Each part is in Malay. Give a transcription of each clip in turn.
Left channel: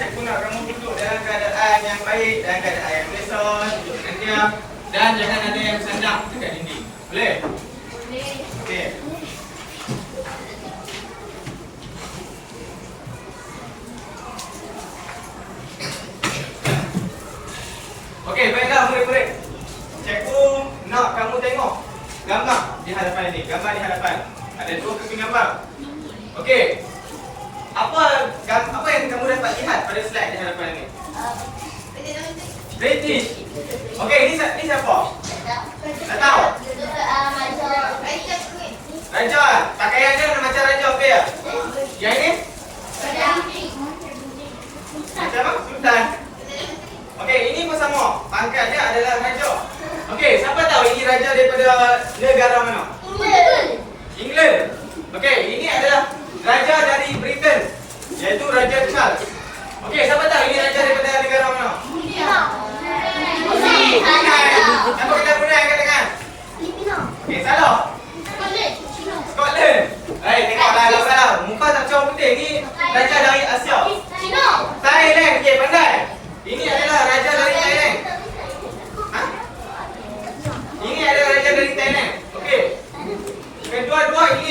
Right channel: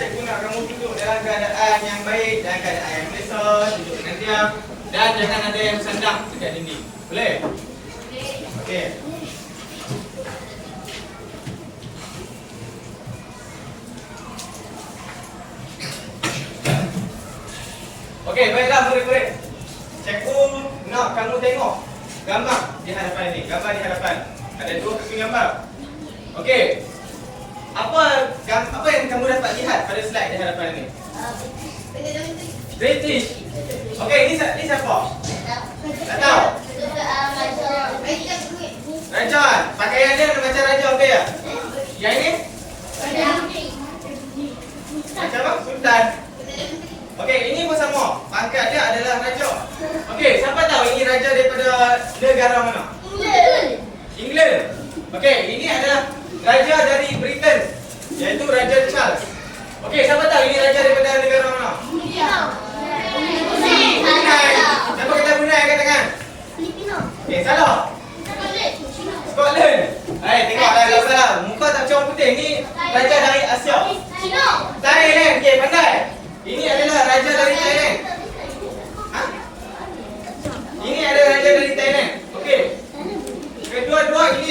cikgu nak kamu duduk dalam keadaan yang baik, dalam keadaan yang selesa, duduk dengan diam, dan jangan ada yang sandang dekat dinding. Boleh? Okey. Okey, baiklah murid-murid. Cikgu nak kamu tengok gambar di hadapan ini. Gambar di hadapan. Ada dua keping gambar. Okey. Apa yang kamu dapat lihat pada slide di hadapan ini? British. Okey, ini siapa? Tak tahu. Raja. Pakaian dia macam raja okey ya? Yang ini? Macam apa? Sultan. Okey, ini pun sama. Pangkat dia adalah raja. Okey, siapa tahu ini raja daripada negara mana? England. Okey, ini adalah raja dari Britain, iaitu Raja Charles. Okey, siapa tahu ini raja daripada negara mana? Brunei. Siapa kata Brunei angkat tangan? Okey, salah. Scotland. Hai, tengoklah gambar. Muka tak macam putih. Ni raja dari Asia. Thailand. Okey, pandai. Ini adalah raja dari Thailand. Ha? Ini adalah raja dari Thailand. Okey. Kedua-dua ini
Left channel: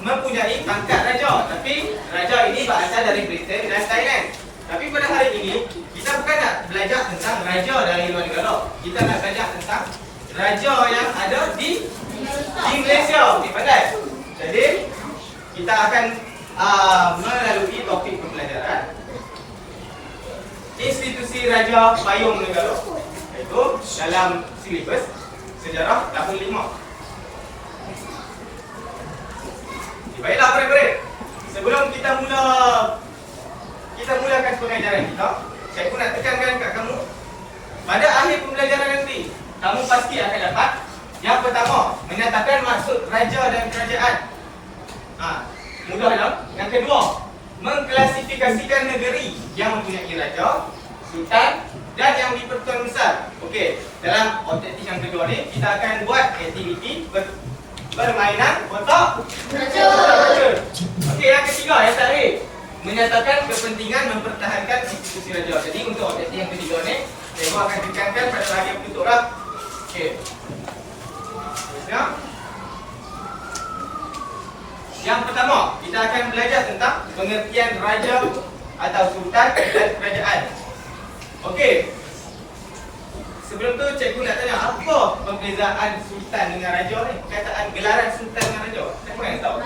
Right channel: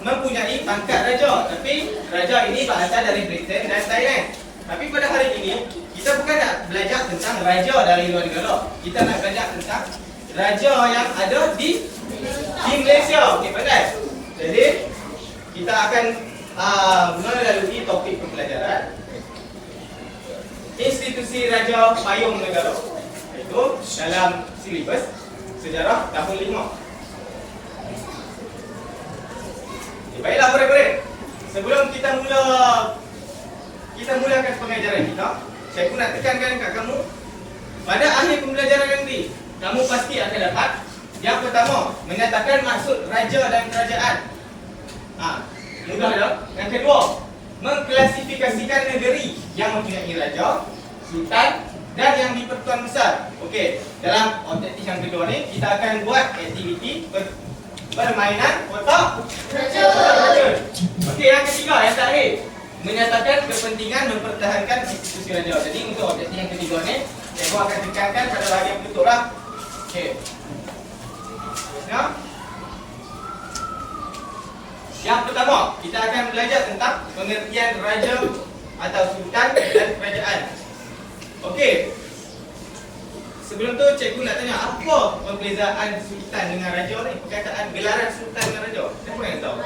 mempunyai pangkat raja, tapi raja ini berasal dari Britain dan Thailand. Tapi pada hari ini kita bukan nak belajar tentang raja dari luar negara. Kita nak belajar tentang raja yang ada di Malaysia. Okey, pandai. Jadi kita akan melalui topik pembelajaran institusi Raja Payung Negara, iaitu dalam silibus sejarah tahun 5. Baiklah murid-murid, sebelum kita mulakan pengajaran kita, saya pun nak tekankan kat kamu, pada akhir pembelajaran nanti kamu pasti akan dapat yang pertama, menyatakan maksud raja dan kerajaan. Mudah tak? Yang kedua, mengklasifikasikan negeri yang mempunyai raja, sultan dan yang di-Pertuan Besar. Okey, dalam objektif yang kedua ni kita akan buat aktiviti permainan kotak raja. Okey, yang ketiga, yang terakhir, menyatakan kepentingan mempertahankan institusi raja. Jadi untuk objektif yang ketiga ni, saya akan tekankan pada bahagian penutup lah. Okey. Terusnya, yang pertama, kita akan belajar tentang pengertian raja atau sultan dan kerajaan. Okey. Sebelum tu cikgu nak tanya, apa perbezaan sultan dengan raja ni? Perkataan gelaran sultan dengan raja. Siapa yang tahu?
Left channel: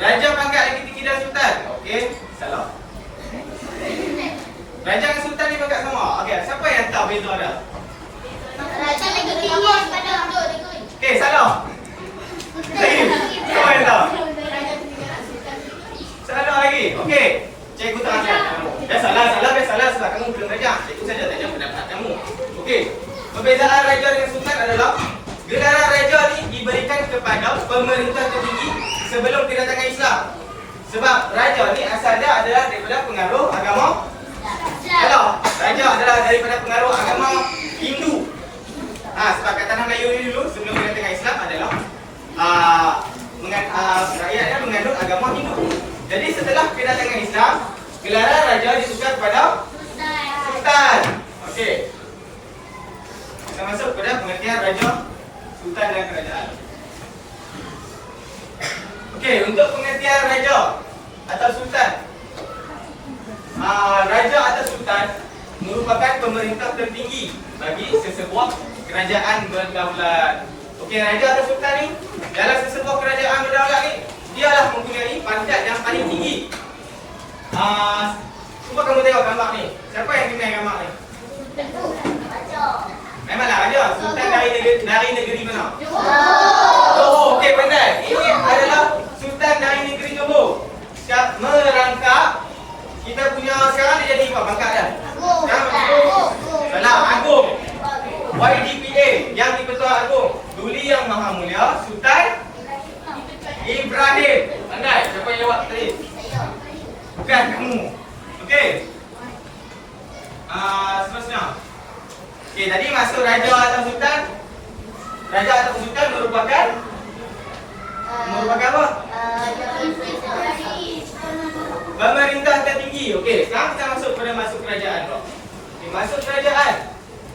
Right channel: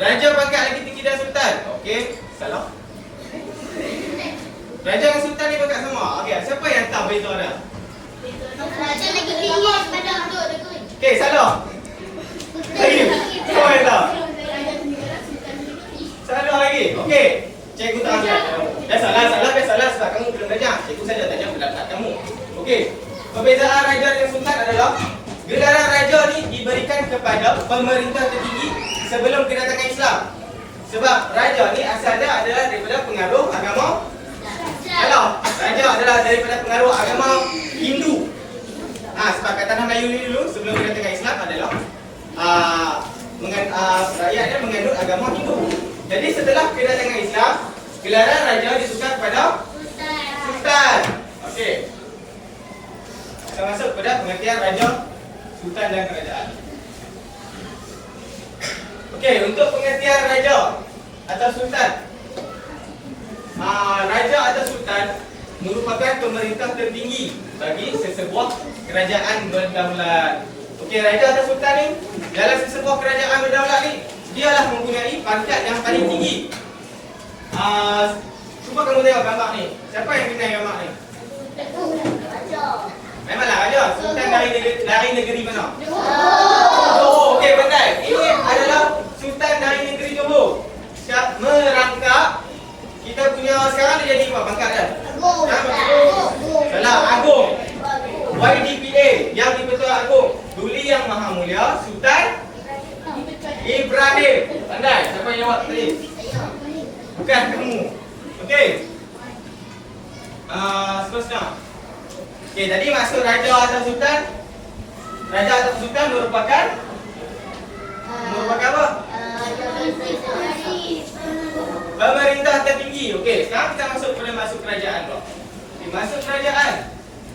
Raja pangkat lagi tinggi dari sultan. Okey, salah. Raja dan sultan ni pangkat sama. Okey, siapa yang tahu beza dia? Okey, salah. Lagi. Siapa yang tahu? Salah lagi. Okey. Cikgu tak ajar kamu. Biasalah sebab kamu belum belajar. Cikgu saja tak jawab pendapat kamu. Okey. Perbezaan raja dengan sultan adalah gelaran raja ni diberikan kepada pemerintah tertinggi sebelum kedatangan Islam. Sebab raja ni asal dia adalah daripada pengaruh agama. Salah. Raja adalah daripada pengaruh agama Hindu. Sebab kat tanah Melayu ni dulu sebelum kedatangan Islam adalah rakyatnya menganut agama Hindu. Jadi setelah kedatangan Islam, gelaran raja ditukar kepada sultan. Okey. Kita masuk pada pengertian raja, sultan dan kerajaan. Okey, untuk pengertian raja atau sultan. Raja atau sultan merupakan pemerintah tertinggi bagi sesebuah kerajaan berdaulat. Okey, raja atau sultan ni dalam sesebuah kerajaan berdaulat ni, dialah mempunyai pangkat yang paling tinggi. Cuba kamu tengok gambar ni. Siapa yang kenal gambar ni? Memanglah raja. Sultan dari negeri mana? Johor. Okey, pandai. Ini adalah sultan dari negeri Johor. Merangkap kita punya sekarang dia jadi apa pangkat dia? Agung. YDPA, yang di-Pertuan Agong. Duli Yang Maha Mulia Sultan Ibrahim. Pandai. Siapa yang jawab tadi? Bukan kamu. Okey. Seterusnya. Okey, tadi maksud raja atau sultan. Raja atau sultan merupakan apa? Pemerintah tertinggi Okey, sekarang kita masuk kerajaan pula. Okey, masuk kerajaan.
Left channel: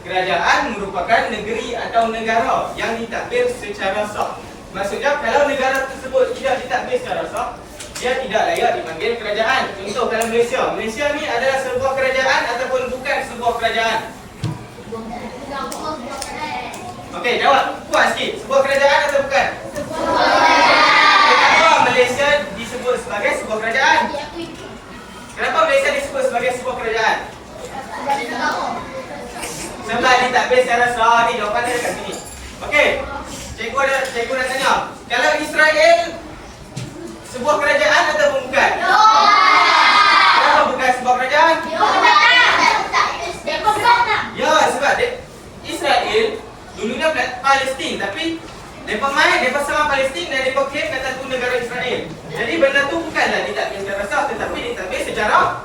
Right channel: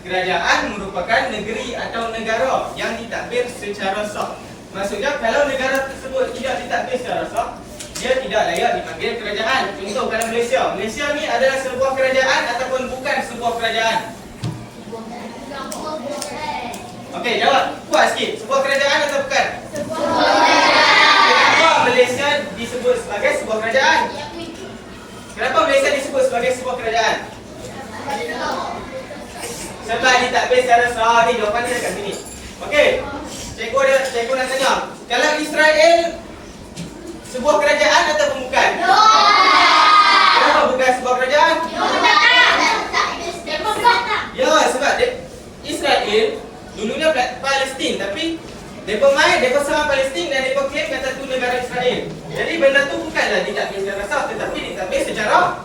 Kerajaan merupakan negeri atau negara yang ditadbir secara sah. Maksudnya kalau negara tersebut tidak ditadbir secara sah, dia tidak layak dipanggil kerajaan. Contoh kalau Malaysia. Malaysia ni adalah sebuah kerajaan ataupun bukan sebuah kerajaan? Okey, jawab. Kuat sikit. Sebuah kerajaan atau bukan? Kenapa Malaysia disebut sebagai sebuah kerajaan? Kenapa Malaysia disebut sebagai sebuah kerajaan? Sebab ditadbir secara sah. Ni jawapan dia kat sini. Okey. Cikgu nak tanya. Kalau Israel sebuah kerajaan atau bukan? Kenapa bukan sebuah kerajaan? Ya, sebab Israel dulunya Palestin, tapi mereka serang Palestin dan mereka claim kata tu negara Israel. Jadi benda tu bukanlah ditadbir secara sah, tetapi ditadbir secara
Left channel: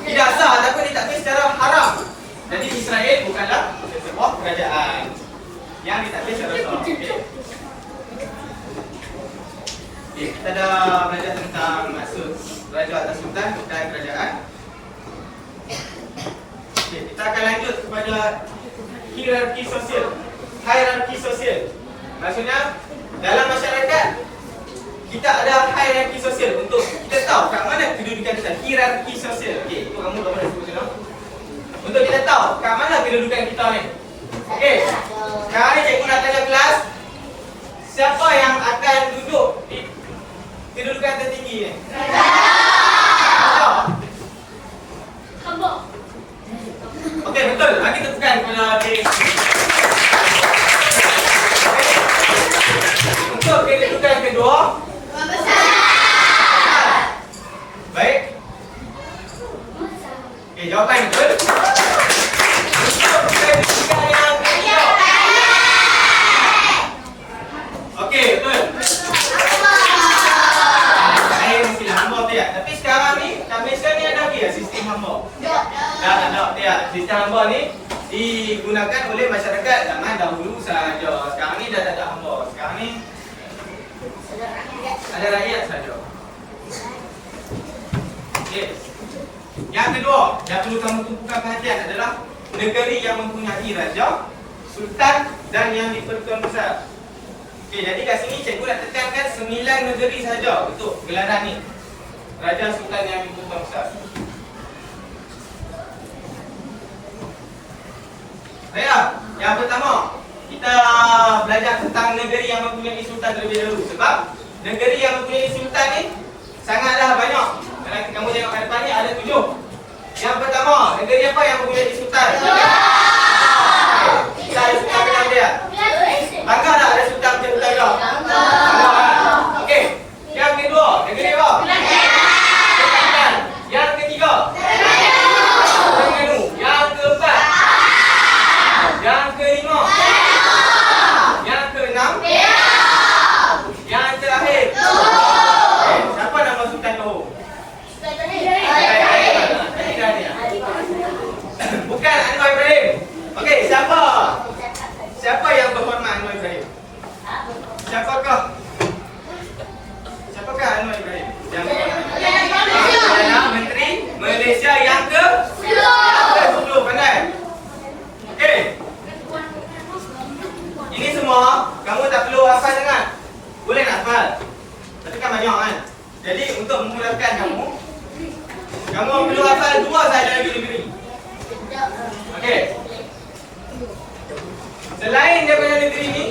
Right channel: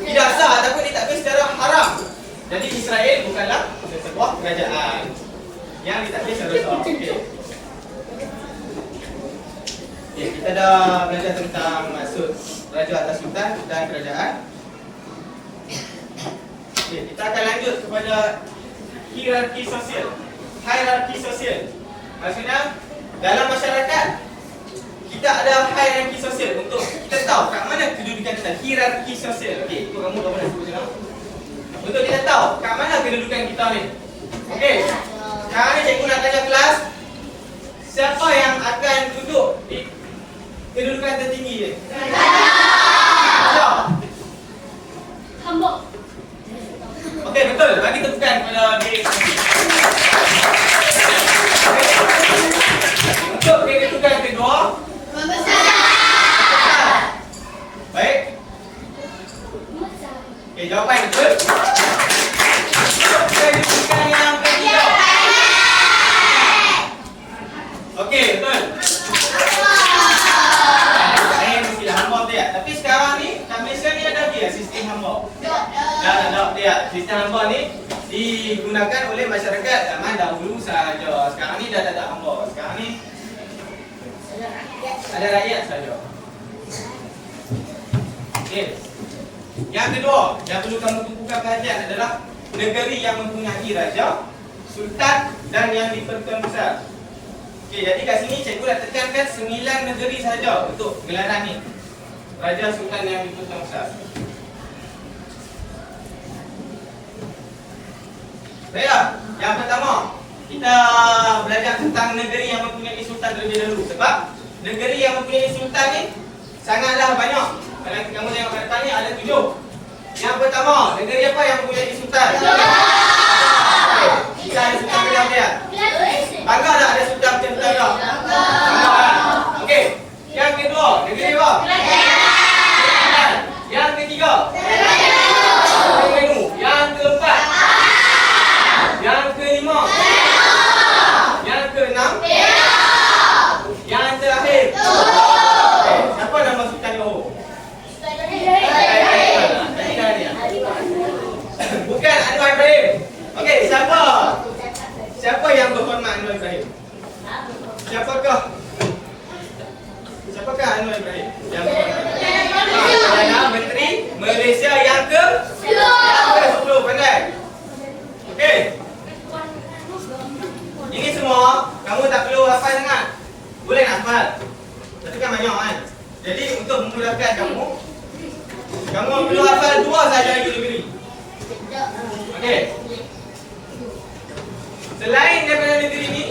tidak sah ataupun ditadbir secara haram. Jadi Israel bukanlah sebuah kerajaan yang ditadbir secara sah. Okay, kita dah belajar tentang maksud raja atau sultan dan kerajaan. Okay, kita akan lanjut kepada hierarki sosial. Hierarki sosial. Maksudnya dalam masyarakat kita ada hierarki sosial untuk kita tahu kat mana kedudukan kita. Hierarki sosial. Okey, itu kamu boleh sebut tengok. Untuk kita tahu kat mana kedudukan kita ni. Okey. Sekarang ni cikgu nak tanya kelas, siapa yang akan duduk di kedudukan tertinggi ni? Raja. Hamba. Okey, betul. Bagi tepukan kepada diri. Untuk kedudukan kedua, pembesar. Baik. Okey, jawapan betul. Untuk kedudukan yang ketiga. Okey, betul. Tapi sekarang ni kat Malaysia ni ada lagi sistem hamba. Dah dia. Sistem hamba ni digunakan oleh masyarakat zaman dahulu sahaja. Sekarang ni dah tak ada hamba. Sekarang ni ada rakyat saja. Okey. Yang kedua, yang perlu kamu tumpukan perhatian adalah negeri yang mempunyai raja, sultan dan yang di-Pertuan Besar. Okey, jadi kat sini cikgu nak tekankan 9 negeri saja untuk gelaran ni. Raja, sultan yang di-Pertuan Besar. Baiklah, yang pertama kita belajar tentang negeri yang mempunyai sultan terlebih dahulu. Sebab negeri yang mempunyai sultan ni sangatlah banyak. Kalau kamu tengok kat depan ni ada 7. Yang pertama, negeri apa yang mempunyai sultan? Kita ada sultan dalam dia. Bangga tak ada sultan macam kita juga? Bangga kan? Okey. Yang kedua, negeri apa? Yang ketiga, Terengganu. Yang keempat, yang kelima, yang keenam, yang terakhir. Okay, siapa nama sultan Johor? Bukan Anwar Ibrahim. Okey, siapa yang berhormat Anwar Ibrahim? Siapakah Anwar Ibrahim? Yang Perdana Menteri Malaysia yang ke-10. Pandai? Okey. Ini semua kamu tak perlu hafal sangat. Boleh nak hafal. Tapi kan banyak kan. Jadi untuk memudahkan kamu perlu hafal 2 sahaja negeri. Okey. Selain daripada negeri ni,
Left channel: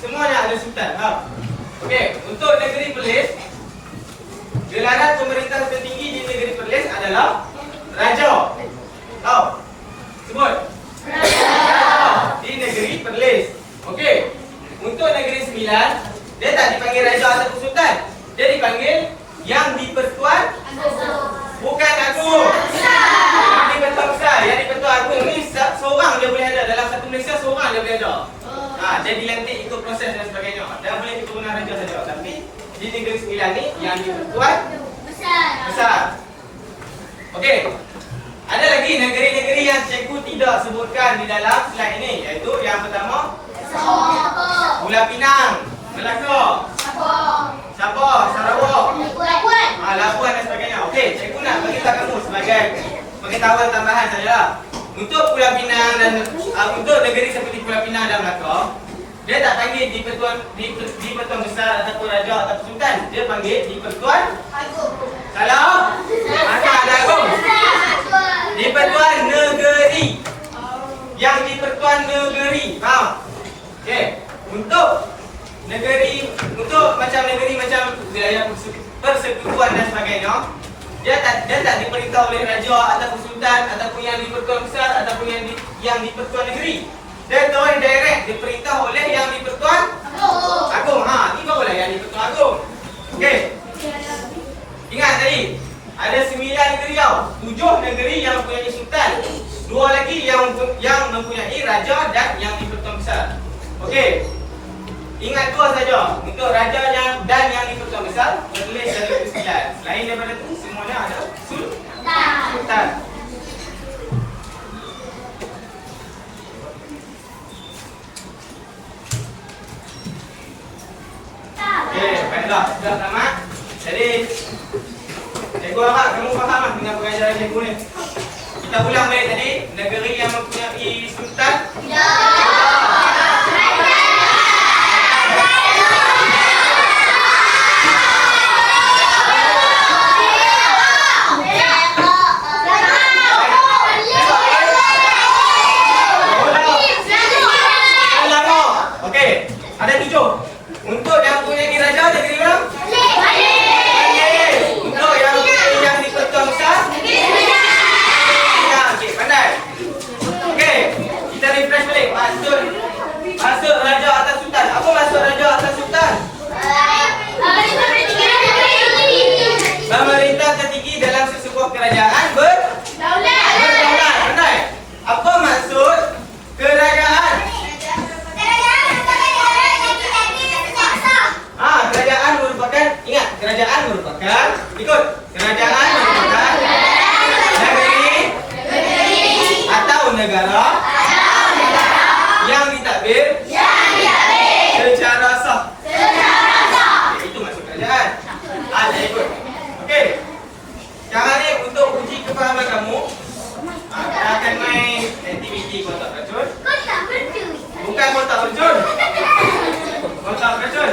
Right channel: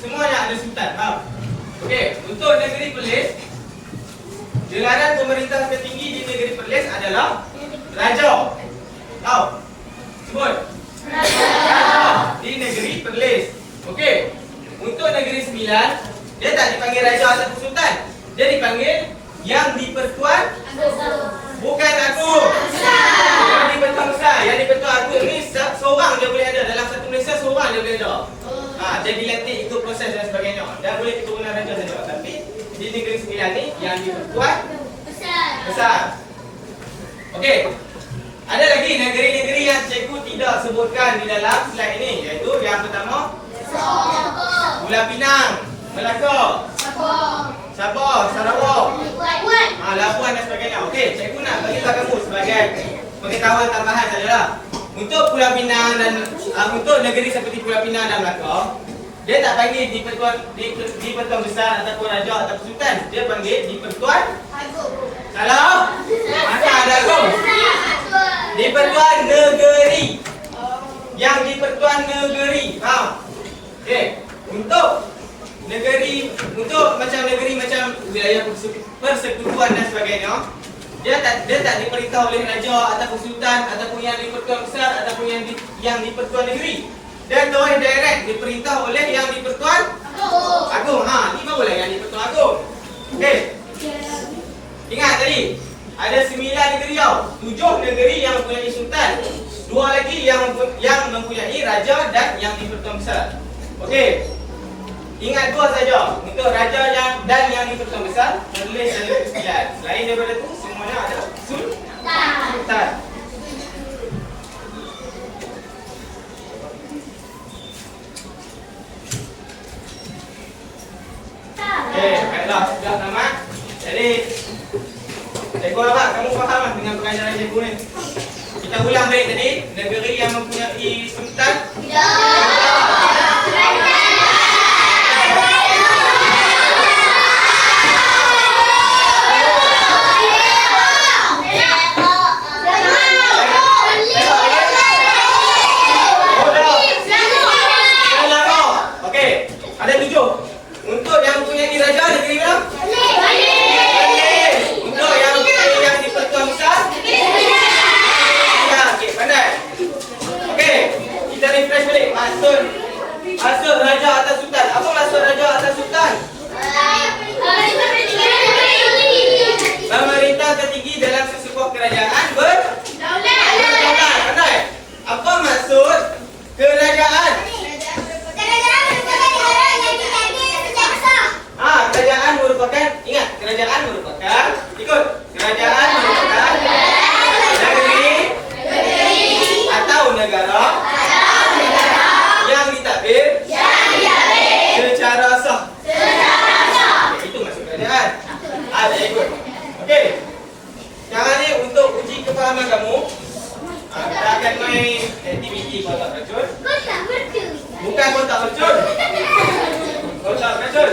semuanya ada sultan. Okey, untuk negeri Perlis, gelaran pemerintah tertinggi di negeri Perlis adalah Raja. Tahu? Sebut. Raja di negeri Perlis. Okey. Untuk negeri Sembilan, dia tak dipanggil Raja atau Sultan. Dia dipanggil Yang di-Pertuan bukan Agung. Yang di-Pertuan Besar. Yang di-Pertuan Agung ni seorang dia boleh ada. Dalam satu Malaysia seorang dia boleh ada. Dia dilantik ikut proses dan sebagainya. Dan boleh digunakan raja saja. Tapi di negeri Sembilan ni Yang di-Pertuan Besar. Okey. Ada lagi negeri-negeri yang cikgu tidak sebutkan di dalam slide ini, iaitu yang pertama Pulau Pinang, Melaka, Sabah, Sarawak, Labuan dan sebagainya. Okey, cikgu nak bagi tahu kamu sebagai pengetahuan tambahan sajalah. Untuk Pulau Pinang dan untuk negeri seperti Pulau Pinang dan Melaka, dia tak panggil di-Pertuan Besar ataupun Raja ataupun Sultan. Dia panggil di-Pertuan Agung. Salah? Maka ada Agung. Di-Pertuan Negeri. Yang di-Pertuan Negeri. Faham? Okey. Untuk negeri macam wilayah persekutuan dan sebagainya, dia tak diperintah oleh raja ataupun sultan ataupun yang di-Pertuan Besar ataupun yang di-Pertuan Negeri. Dia turun direct diperintah oleh yang di-Pertuan Agung. Ni barulah yang di-Pertuan Agung. Okey. Ingat tadi ada 9 negeri tau. 7 negeri yang mempunyai sultan, 2 lagi yang mempunyai raja dan yang di-Pertuan Besar. Okey. Ingat 2 saja. Untuk raja dan yang di-Pertuan Besar tertulis dari 9. Selain daripada itu semuanya ada sultan. Dah tamat. Jadi cikgu harap kamu faham dengan pengajaran cikgu ni. Kita ulang balik tadi, negeri yang mempunyai sultan. Ya. Okey, ada 7. Untuk yang punya raja negeri mana? Malay. Untuk yang di-Pertuan Besar? Ya, okey, pandai. Okey, kita refresh balik. Maksud raja atau sultan. Apa maksud raja atau sultan? Pemerintah tertinggi dalam sesebuah kerajaan berdaulat. Pandai. Apa maksud kerajaan? Kerajaan merupakan negeri atau negara yang ditadbir secara sah. Itu maksud kerajaan. Ada ikut. Okey. Sekarang ni untuk uji kefahaman kamu, kita akan main aktiviti kotak racun. Bukan kotak racun. Kotak racun.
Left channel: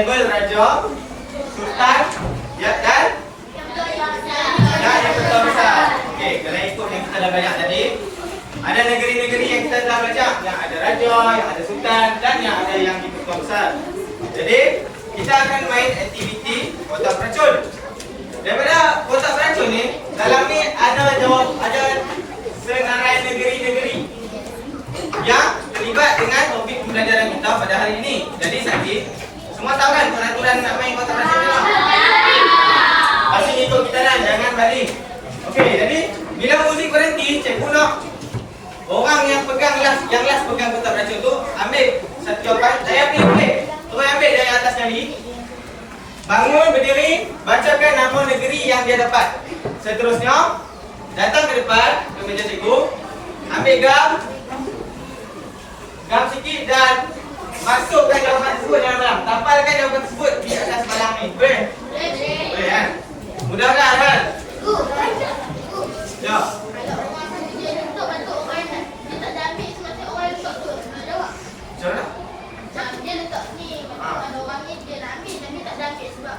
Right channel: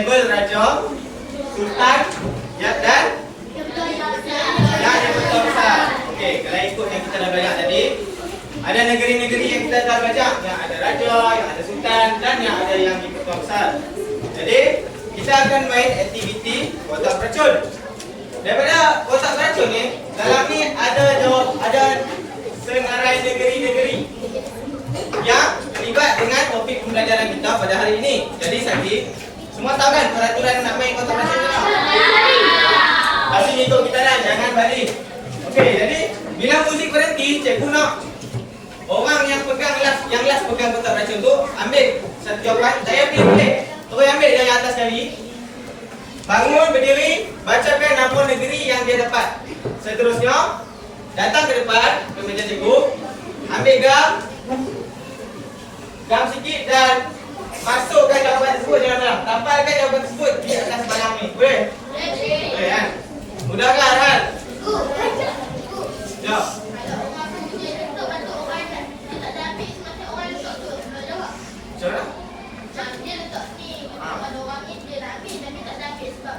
label raja, sultan, ya dan yang betul besar. Okey, kalau ikut yang kita dah banyak tadi, ada negeri-negeri yang kita dah baca, yang ada raja, yang ada sultan dan yang ada yang di kota besar. Jadi, kita akan main aktiviti kotak beracun. Daripada kotak beracun ni, dalam ni ada senarai negeri-negeri yang terlibat dengan topik pembelajaran kita pada hari ini. Jadi, Sakit, semua tahu kan peraturan nak main kotak beracun ni? Pasti ikut kita lah, jangan balik. Okey, jadi bila muzik berhenti, cikgu nak orang yang pegang yang last pegang kotak beracun tu ambil satu jawapan. Saya pilih. Terus ambil dari atas sekali. Bangun, berdiri, bacakan nama negeri yang dia dapat. Seterusnya, datang ke depan ke meja cikgu, ambil gam sikit dan masukkan jawapan tersebut dalam. Tampalkan jawapan tersebut di atas barang ni. Boleh? Boleh kan? Mudah kan, Arman? Ya. Cara? Dia letak ni, kalau orang ni dia nak ambil tapi tak ada ambil sebab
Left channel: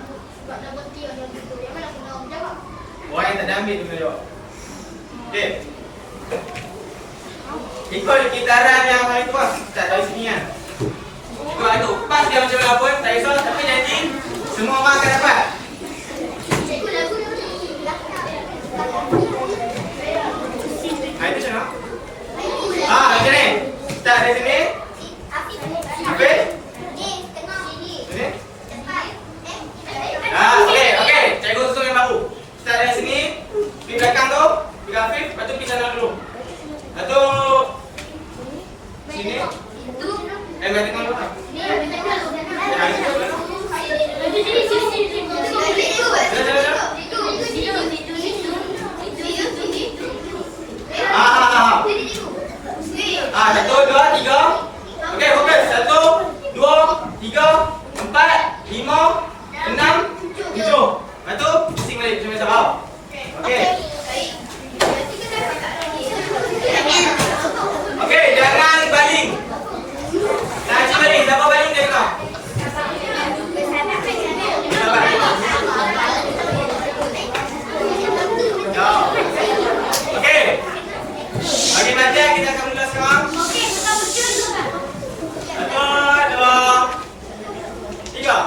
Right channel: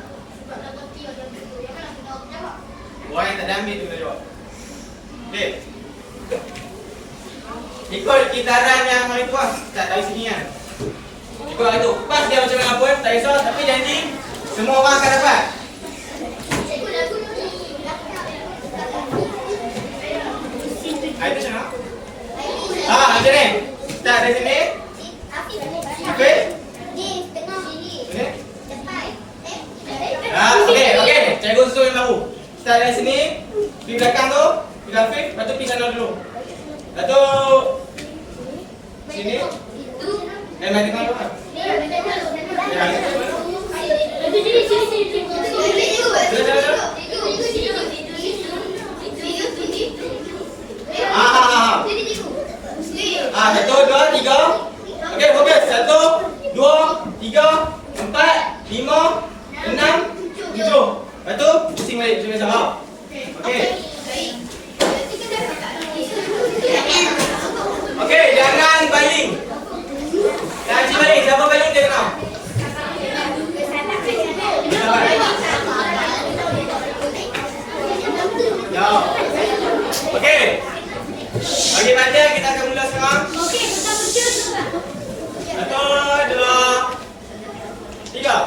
nak berhenti orang tu. Yang mana kena orang jawab? Orang yang tak ada ambil tu kena jawab. Okey. Ikut kitaran yang main tu lah. Tak dari sini kan. Ikut aduk. Pas dia macam mana pun, tak risau. Tapi janji, semua orang akan dapat. Cikgu lagu ni. Itu macam mana? Macam ni. Start dari sini. Okey. Sini. Okey. Cikgu susun yang baru. Start dari sini. Pergi belakang tu. Pegang Afif. Lepas tu pergi sana dulu. Lepas tu sini. Main tengah tu kan? Satu, dua, tiga. Okey, fokus. 1, 2, 3, 4, 5, 6, 7. Lepas tu, pusing balik macam biasa. Okey. Okey, jangan baling. Jangan baling. Siapa baling dia tengok. Ya. Okey. Bagi baca kita akan mula sekarang. Okey, kita bercuba dulu. 1, 2, 3.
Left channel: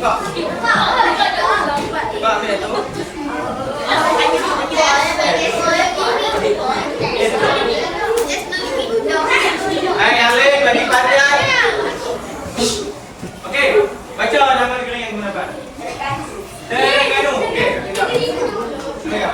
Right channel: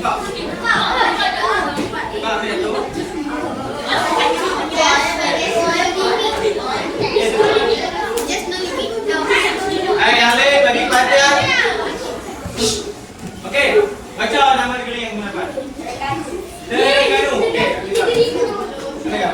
Buka. Buka ambil tu. Yang lain bagi perhatian. Okey, baca nama negeri yang mendapat. Terengganu. Okey, sekejap.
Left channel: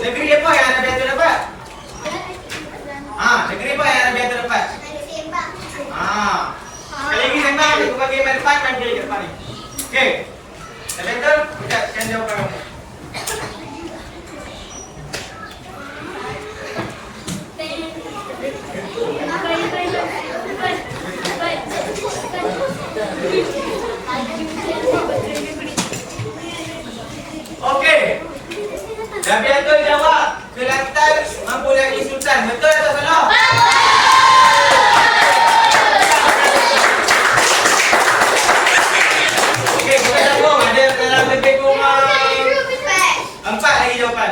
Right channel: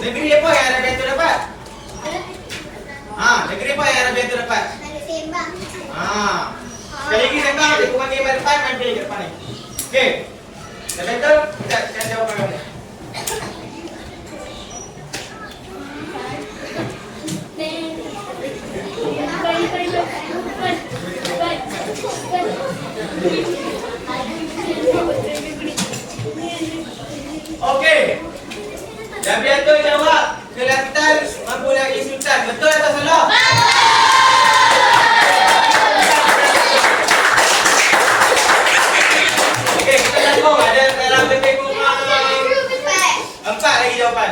Negeri apa yang ada biasa dapat? Negeri apa yang ada biasa dapat? Sekali lagi sembang, dia bukan kira depan, kan kira depan ni. Okey. Dah betul? Kita akan jawab kamu. Okey. Dah betul jawab. Kelantan mampu lagi sultan. Betul atau salah? Okey, kita tengok ada dalam lebih kurang 4 lagi jawapan.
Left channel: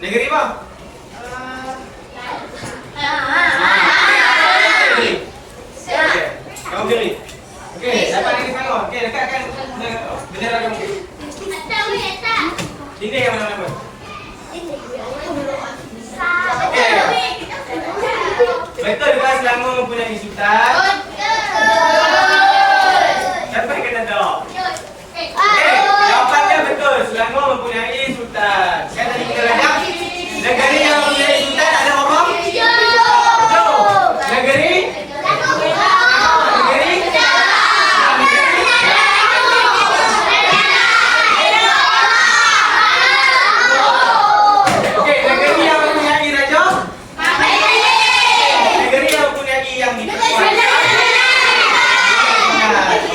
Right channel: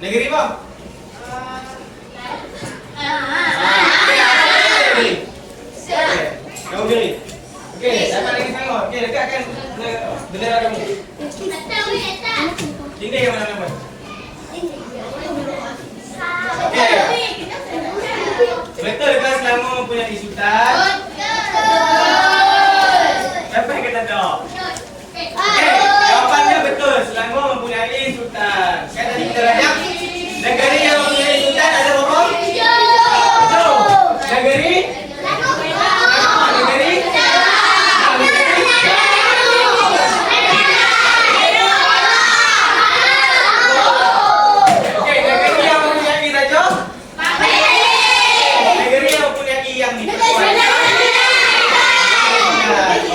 Negeri apa? Kamu pilih. Okey, dapat lagi tengok. Okey, dekatkan bendera kamu. Tinggi yang mana kamu? Betul kan Selangor mempunyai sultan? Siapa yang kata tak? Okey, jawapannya betul. Selangor mempunyai sultan. Kan tadi kita rajak negeri yang mempunyai sultan ada berapa? Betul. Negeri? Negeri? Okey, negeri yang mempunyai raja? Negeri yang mempunyai yang diperkuatkan?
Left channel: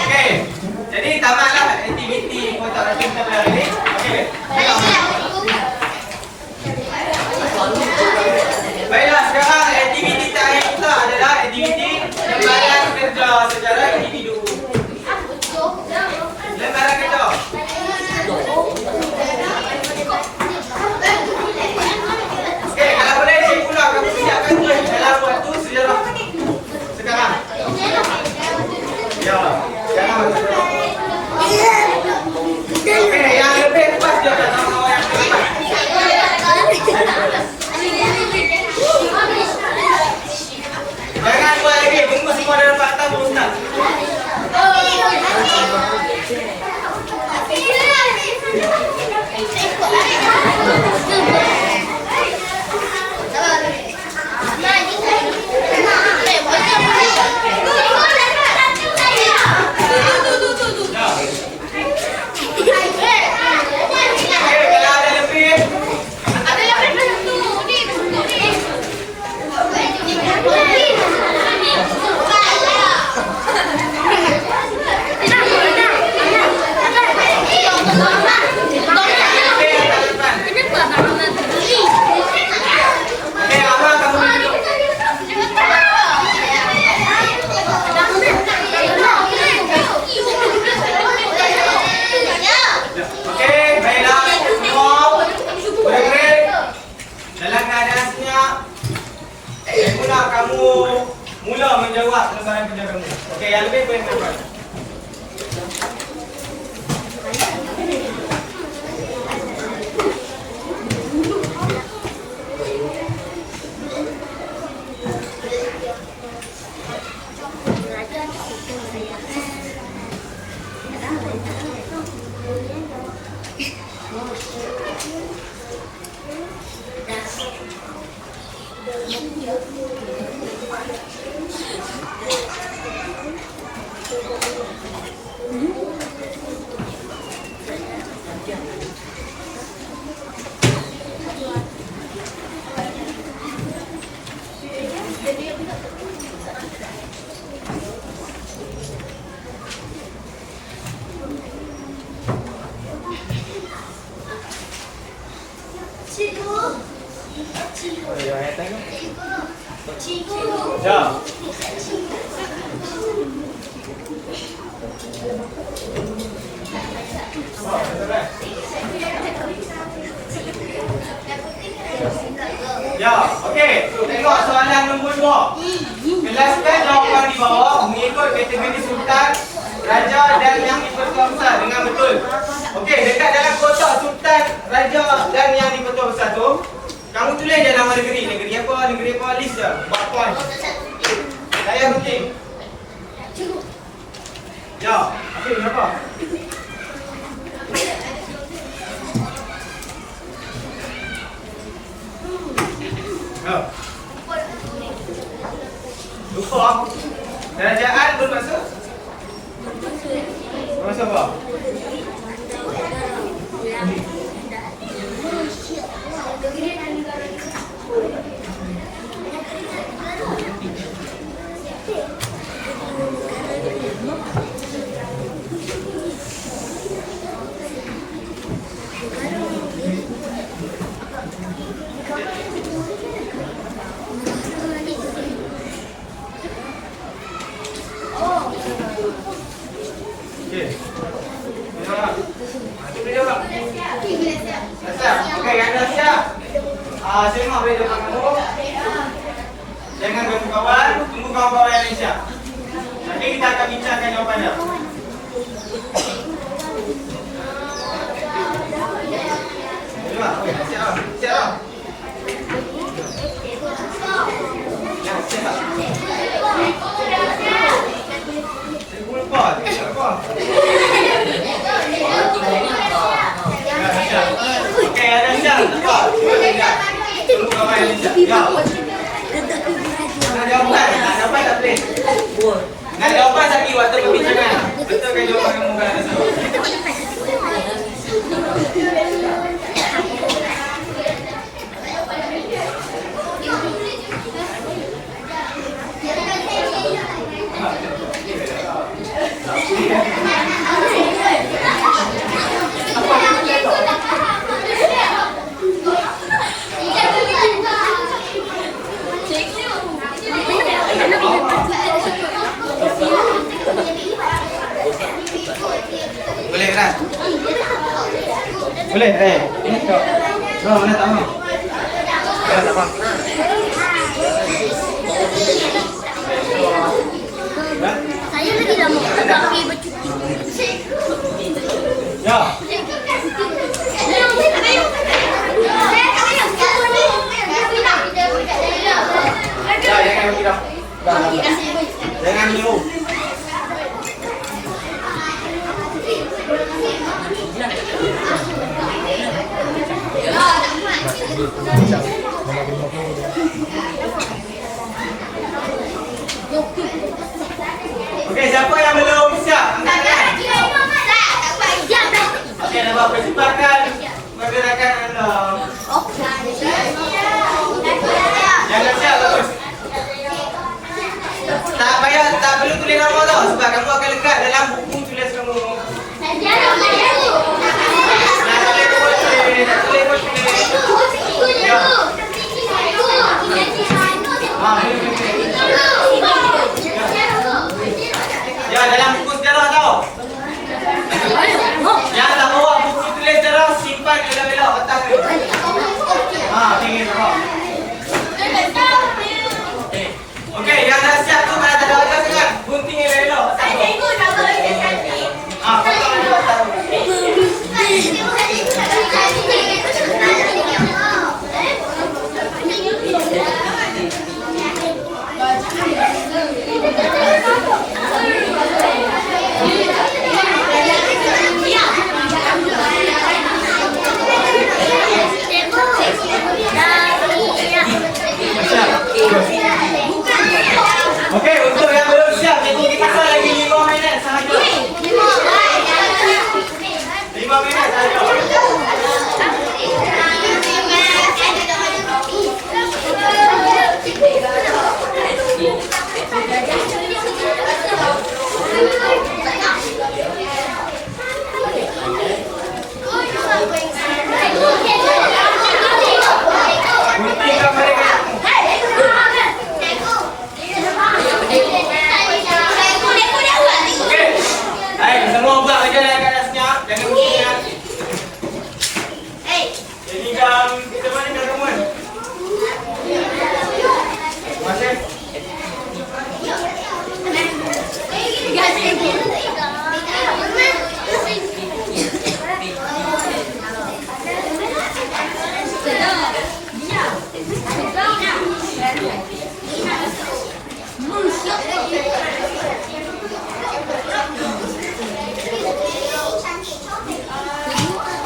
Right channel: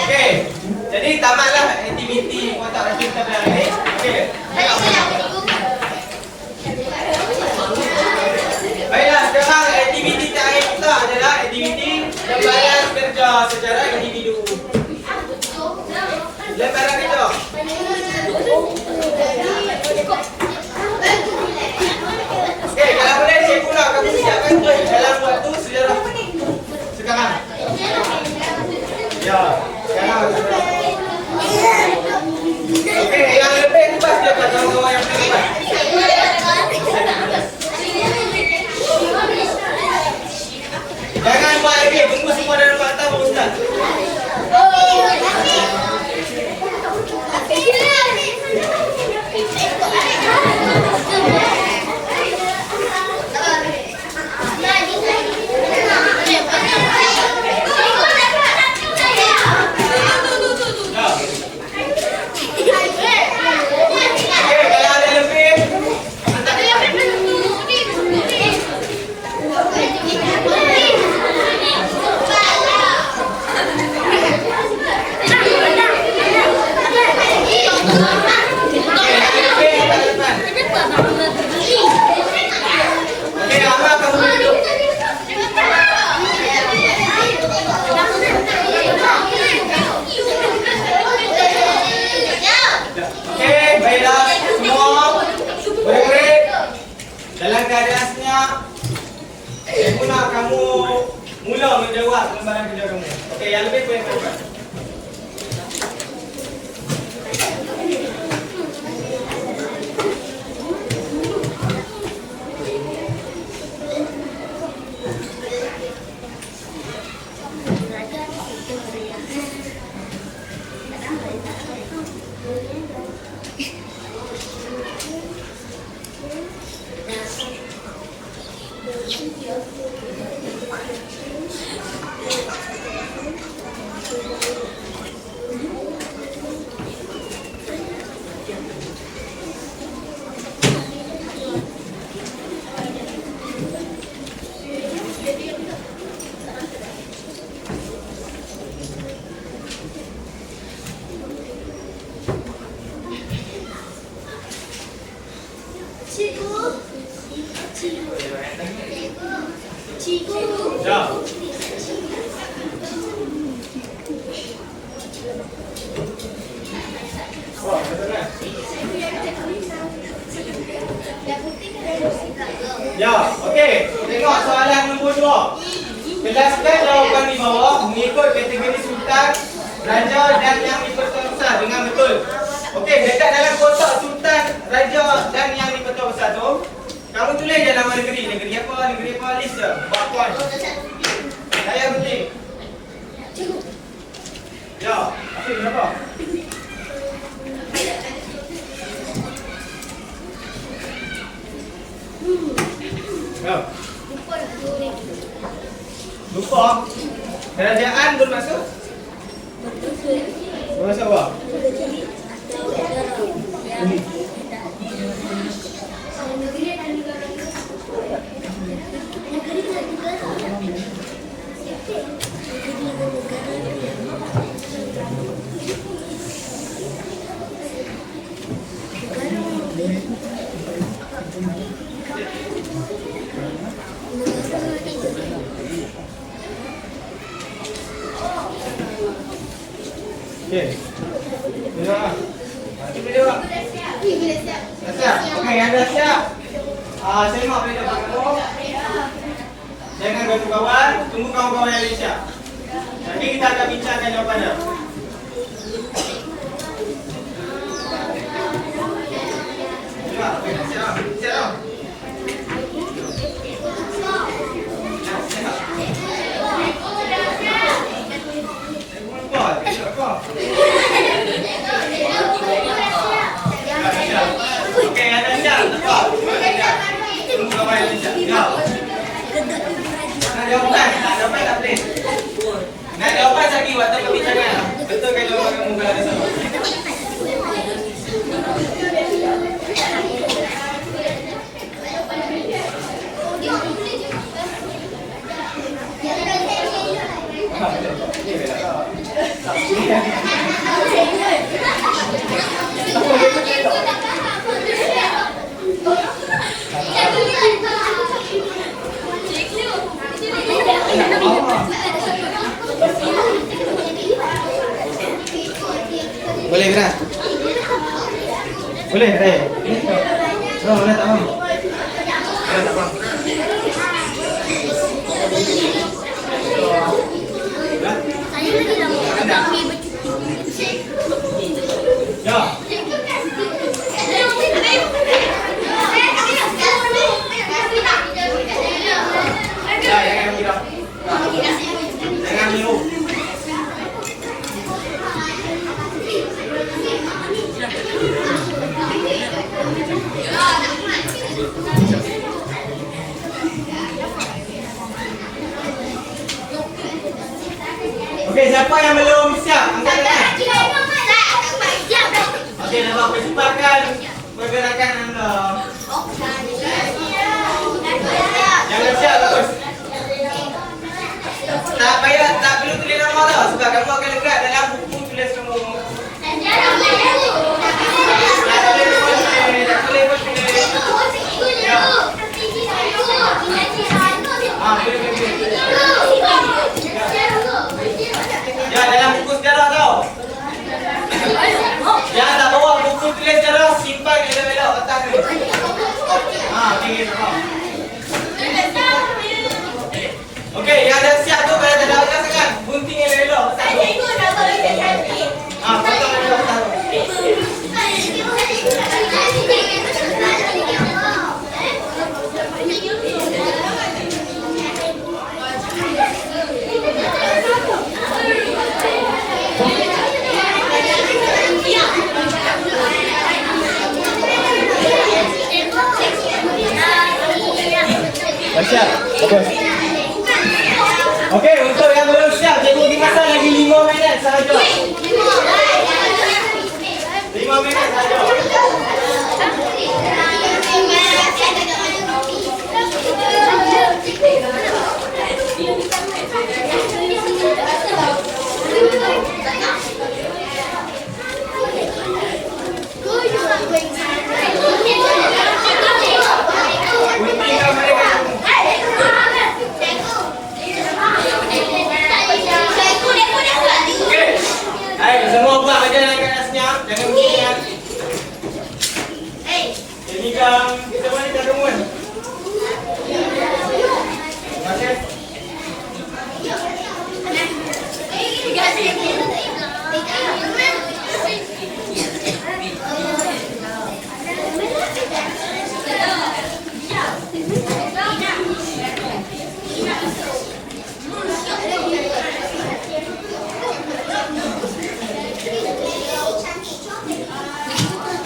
Okey. Jadi tamatlah aktiviti kotak rasa kita pada hari ini. Okey. Baiklah, sekarang aktiviti terakhir kita adalah aktiviti lembaran kerja secara individu. Lembaran kerja. Okey, kalau boleh cik pula kamu siapkan tulis dalam waktu sejarah sekarang. Ya, sekarang waktu sejarah. Okey, yang lebih lepas dia tak tahu yang lepas. Jangan buat lagi, tunggu semua dalam fakta baru start. Okey, kalau ada lebih okey, lama kamu duduk. Okey, baiklah semua murid-murid dalam keadaan senyap. Saya nak kamu mula menjawab lembaran kerja kamu. Okey, yang lebih boleh jawab. Ya. Oh, betul kan? Ya, okey. Tengok soalan nombor 2. Jelaskan jawapan di bawah mengikut kategori sultan, raja dan yang diperkuasa dengan betul. Okey, dekat dalam kotak sultan, raja dan yang diperkuasa tu, kamu tulis je nama negeri. Negeri apa, list je. Buat poin. Saya mungkin. Ya, okey, kenapa? Ya. Lupa. Kerajaan bermaksud? Bermaksud apa? Okey. Boleh tak? Boleh tak? Dah siap? Okey, anda siap? Semak boleh depan kamu. Jangan bantu kawan, tunggu kawan-kawan yang lain siap. Nanti kita akan bincangkan jawapannya. Nak jawapan tadi waktu perbincangan. Betul ke jawapan yang mungkin ada salah? Boleh gerak? Boleh, ini tak. Boleh tak mau? Boleh tak mau? Saya lagi dah mau pergi bercuti. Ya. Ya, jangan bilang. Jangan menyuruh. Okey, siapa yang belum siap? Angkat tangan. Okey, nampak percepatkan pergerakan anda. Jangan siap, bagus. Tak payah, tak perlu tulis nama tau. Sebab kamu akan lekat dalam buku tulis kamu. Ya, dalam buku sejarah tau. Yang tak bawa buku tulis sejarah, simpan elok-elok petang ni. Tinggi nampak. Okey, yang dah siap tu kalau tak ada atas kan, gunting elok-elok. Potong elok petang tu. Okey, untuk yang belum siap, cikgu kita lagi 5 minit sahaja. 5 minit sahaja. Guntingkan mereka. Semua buat aja yang kat atasnya, jangan bunyi ya. Jadi kan kita mana dah tunggu. Masih.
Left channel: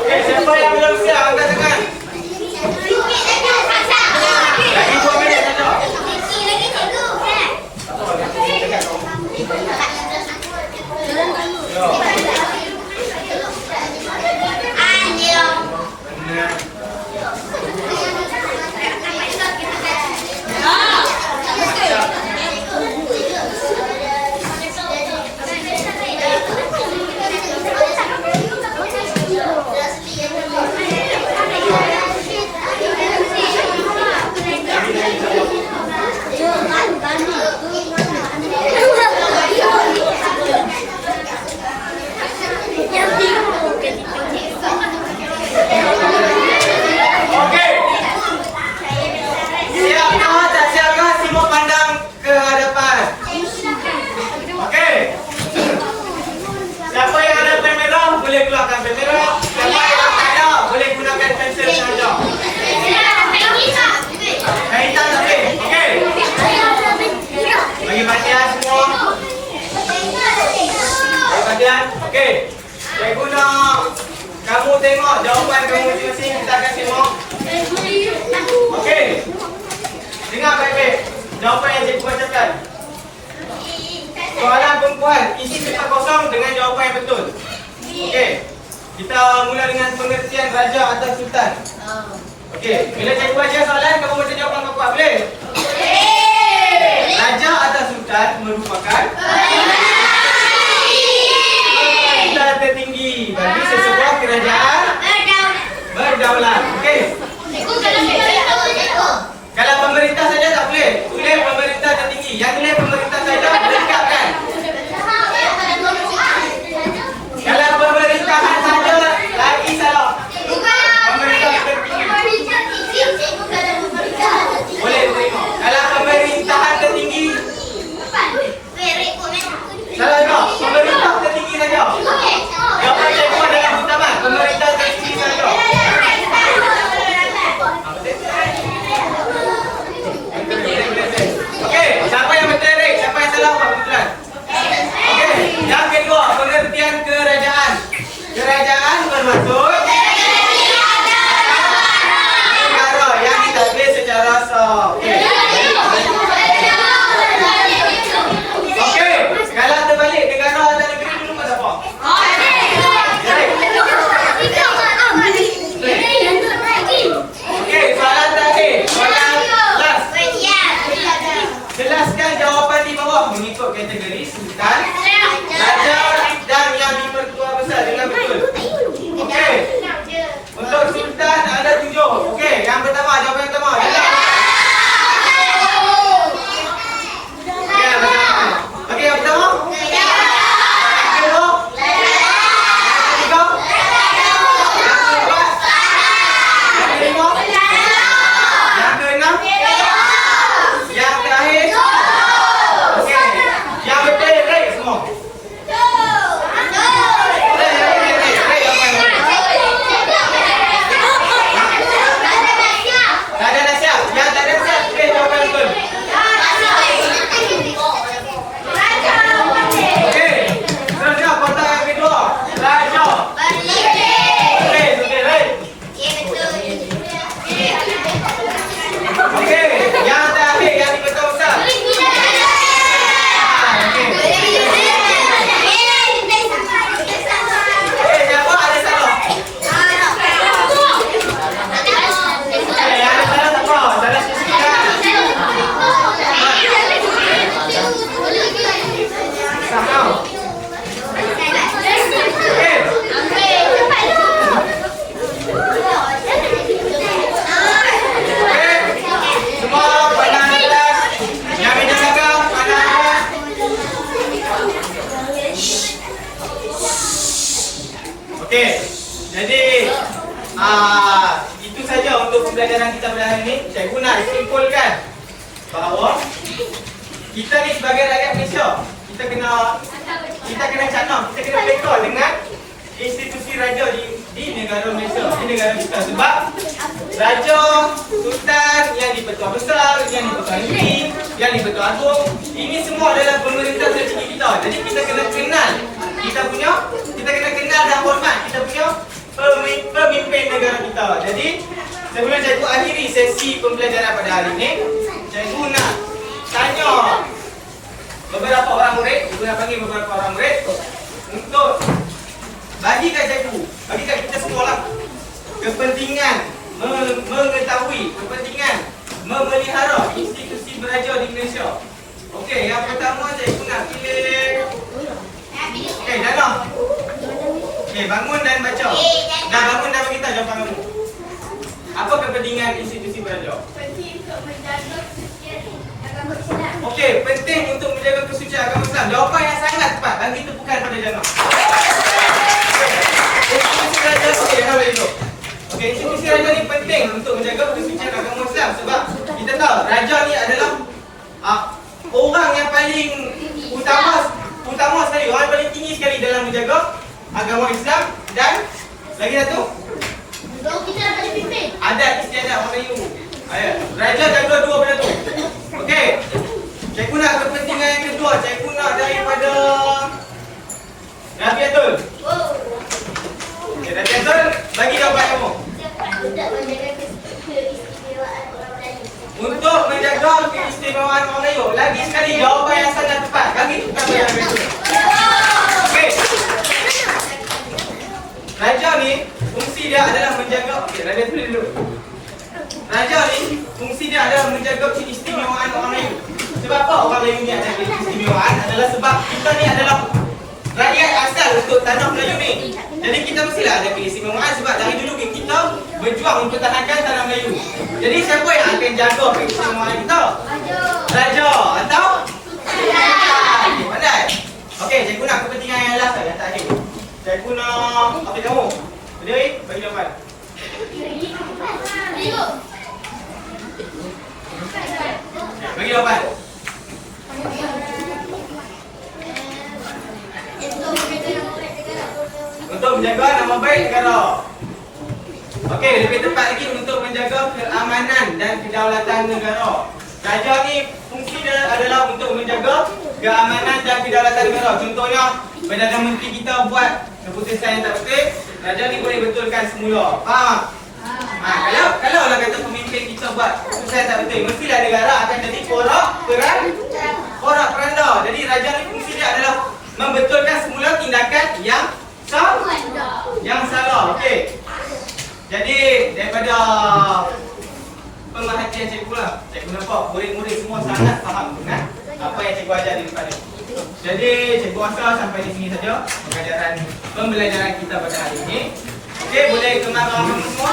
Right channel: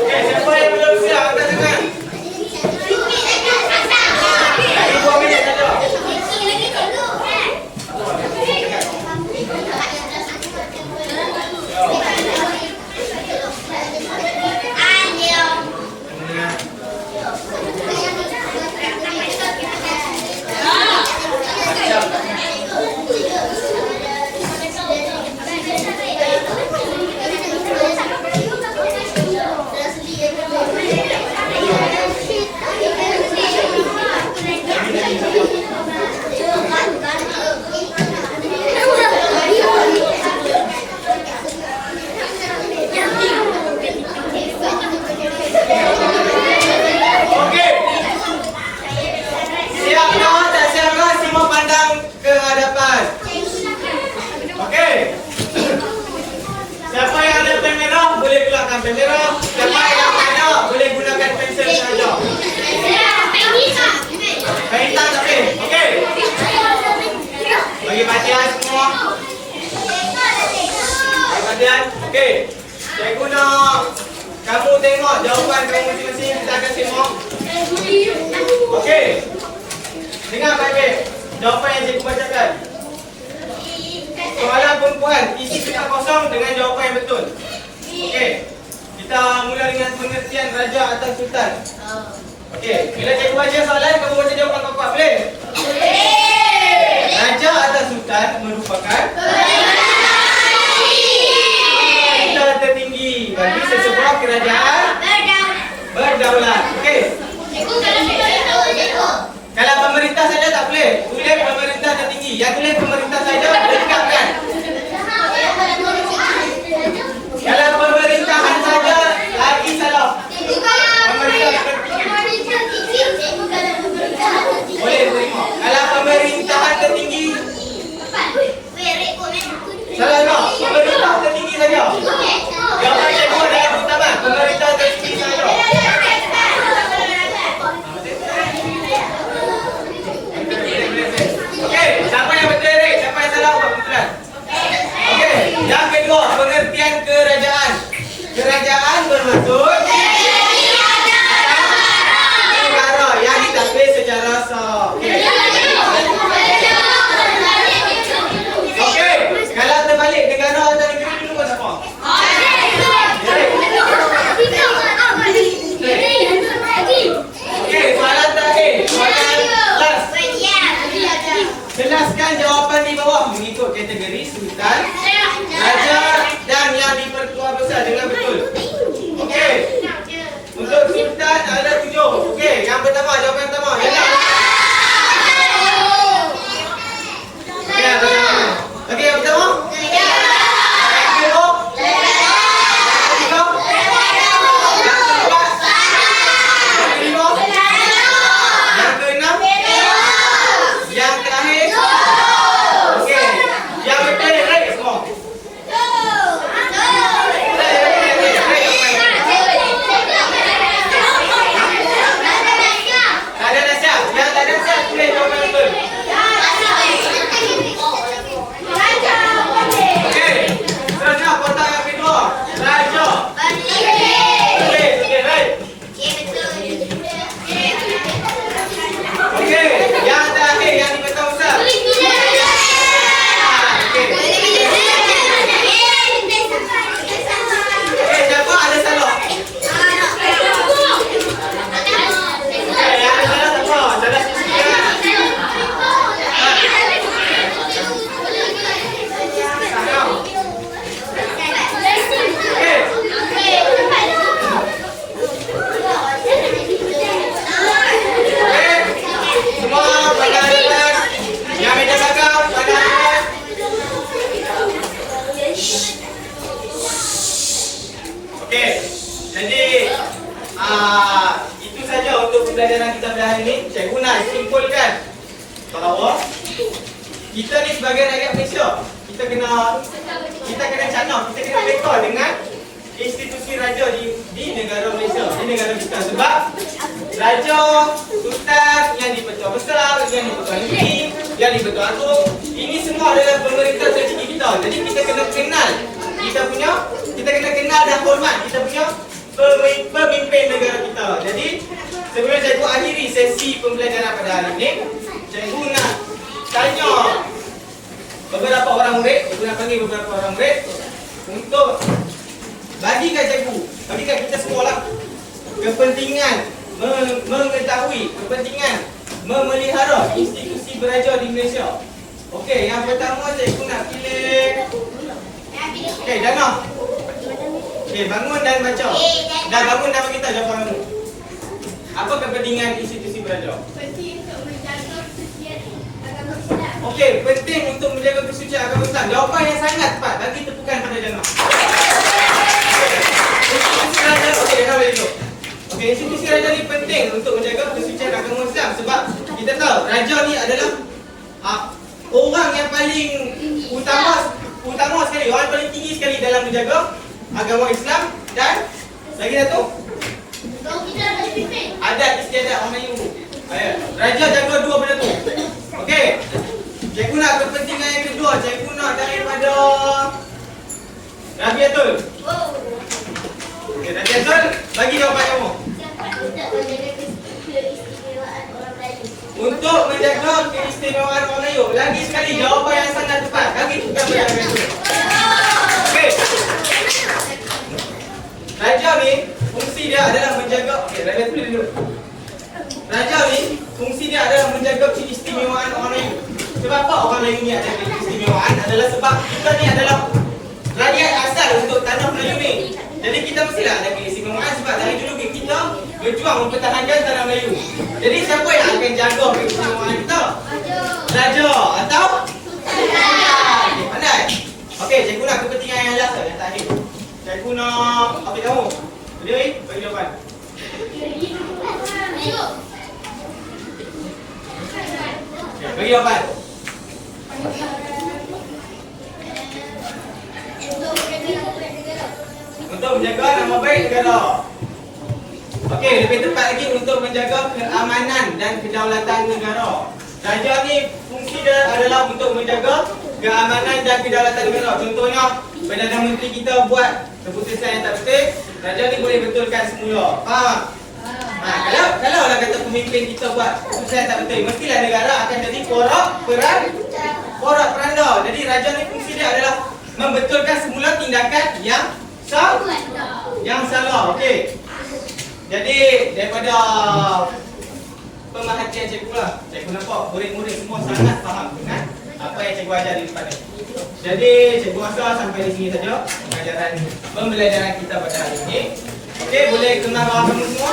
Siapa yang belum siap angkat tangan. Lagi 2 minit saja. sekalian. Okey. Cikgu nak kamu tengok jawapan kamu masing-masing. Kita akan tengok. Okey. Dengar baik-baik. Jawapan yang cikgu bacakan. Soalan perempuan, isi tempat kosong dengan jawapan yang betul. Okey. Kita mula dengan pengertian raja atau sultan. Okey, bila cikgu baca soalan, kamu baca jawapan kuat-kuat, boleh? Raja atau sultan merupakan pemerintah tertinggi bagi sesebuah kerajaan berdaulat. Okey. Kalau pemerintah saja tak boleh. Tulis pemerintah tertinggi. Yang tulis pemerintah saja berikatkan. Kalau pemerintahan saja lagi salah. Pemerintah tertinggi. Boleh terima. Kalau pemerintahan tertinggi salah tak? Pemerintah tertinggi saja. Jawapan cikgu adalah utama. Pemerintah tertinggi saja. Okey, siapa yang betul Rick? Siapa yang salah buat kebetulan? Okey, yang kedua, pengertian kerajaan. Kerajaan bermaksud negara yang ditadbir secara sah. Okey, kalau terbalik negara atau negeri dulu buat apa? Okey, soalan terakhir. Soalan last. Jelaskan jawapan di bawah mengikut kategori sultan, raja dan yang dipertua besar dengan betul. Okey. Untuk sultan ada 7. Okey, yang pertama jawapan yang pertama adalah okey, yang pertama. Okey, yang pertama? Yang kedua? Yang ketiga? Yang keempat? Yang kelima? Yang keenam? Yang terakhir? Okey. Yang betul right semua. Tak ada nasihat. Yang tak ada nasihat pilih jawapan betul. Okey. Seterusnya kotak yang kedua. Raja. Okey, okey, right. Okey, yang terakhir yang dipertua besar. Okey, siapa ada salah? Okey, yang ada salah siapa? Salah sisi kan? Faham? Okey. Okey. Semua pandang dekat. Yang meja belakang pandang dekat. Okey. Jadi itu saja untuk pembelajaran kita pada hari ini. Cikgu nak simpulkan bahawa kita ni sebagai rakyat Malaysia, kita kena canang, kita kena beka dengan institusi raja di negara Malaysia, di negara kita. Sebab raja, sultan, yang di-Pertua Besar, yang di-Pertua Negeri, yang di-Pertua Agung, ini semua adalah pemerintah tertinggi kita. Jadi kita kena kenal kita kena kenal dan hormat kita punya pemimpin negara kita. Jadi sebelum cikgu akhiri sesi pembelajaran pada hari ini, cikgu nak tanya beberapa orang murid, cikgu nak panggil beberapa orang murid untuk bagikan cikgu, bagikan kita semua lah kepentingan mengetahui, kepentingan memelihara institusi beraja di Malaysia. Okey, yang pertama cikgu nak pilih. Okey, Dana. Okey, bangun dan baca. Dah bangun dan beritahu jawapan kamu. Apa kepentingan institusi beraja? Penting untuk menjaga kesucian agama Islam. Okey, penting untuk menjaga kesucian agama Islam. Jawapan yang sangat tepat. Bagi tepukan pada Dana. Institusi raja, okey, jangan balik dulu. Okey, institusi raja ni penting untuk menjaga kesucian agama Islam sebab kita tahu raja ni adalah orang yang paling utama sekali, orang yang paling tinggi sekali dalam menjaga agama Islam dan lagi satu adat istiadat orang Melayu. Raja jaga dua benda tu. Okey. Cikgu nak kepentingan yang kedua, cikgu nak daripada Rafiatul. Oh. Okey, Rafiatul, bagi jawapan kamu. Untuk menjaga keistimewaan orang Melayu. Untuk menjaga keistimewaan orang Melayu. Lagi sekali jawapan yang sangat tepat. Kaki tukar pada Rafiatul. Okey. Raja ni fungsi dia adalah menjaga. Okey, Rafiatul dulu. Raja ni fungsi dia adalah menjaga keistimewaan orang Melayu. Sebab apa orang Melayu ni ada keistimewaan? Adalah sebab kita ni adalah rakyat asal untuk tanah Melayu ni. Jadi kita mestilah ada keistimewaan sebab dari dulu kita berjuang mempertahankan tanah Melayu. Jadi siapa yang akan jaga keistimewaan kita? Raja atau okey, pandai. Okey, cikgu nak kepentingan yang last yang terakhir. Cikgu nak apa kamu? Jadi bagi jawapan. Bagi jawapan. Untuk menjaga nama baik negara. Okey, lebih tepat lagi untuk menjaga keamanan dan kedaulatan negara. Raja ni fungsi dia adalah untuk menjaga keamanan dan kedaulatan negara. Contohnya, Perdana Menteri kita buat keputusan yang tak betul, raja ni boleh betulkan semula. Faham? Kalau lah kata pemimpin kita buat keputusan yang tak betul, mestilah negara akan jadi porak peranda. Jadi raja ni fungsi dia adalah membetulkan semula tindakan yang salah. Okey. Jadi daripada pemerhatian cikgu lah, cikgu nampak murid-murid semua sangat faham dengan apa yang cikgu ajar di depan ni. Jadi cikgu rasa sampai di sini saja pembelajaran kita pada hari ini. Okey, boleh kenal orang semua?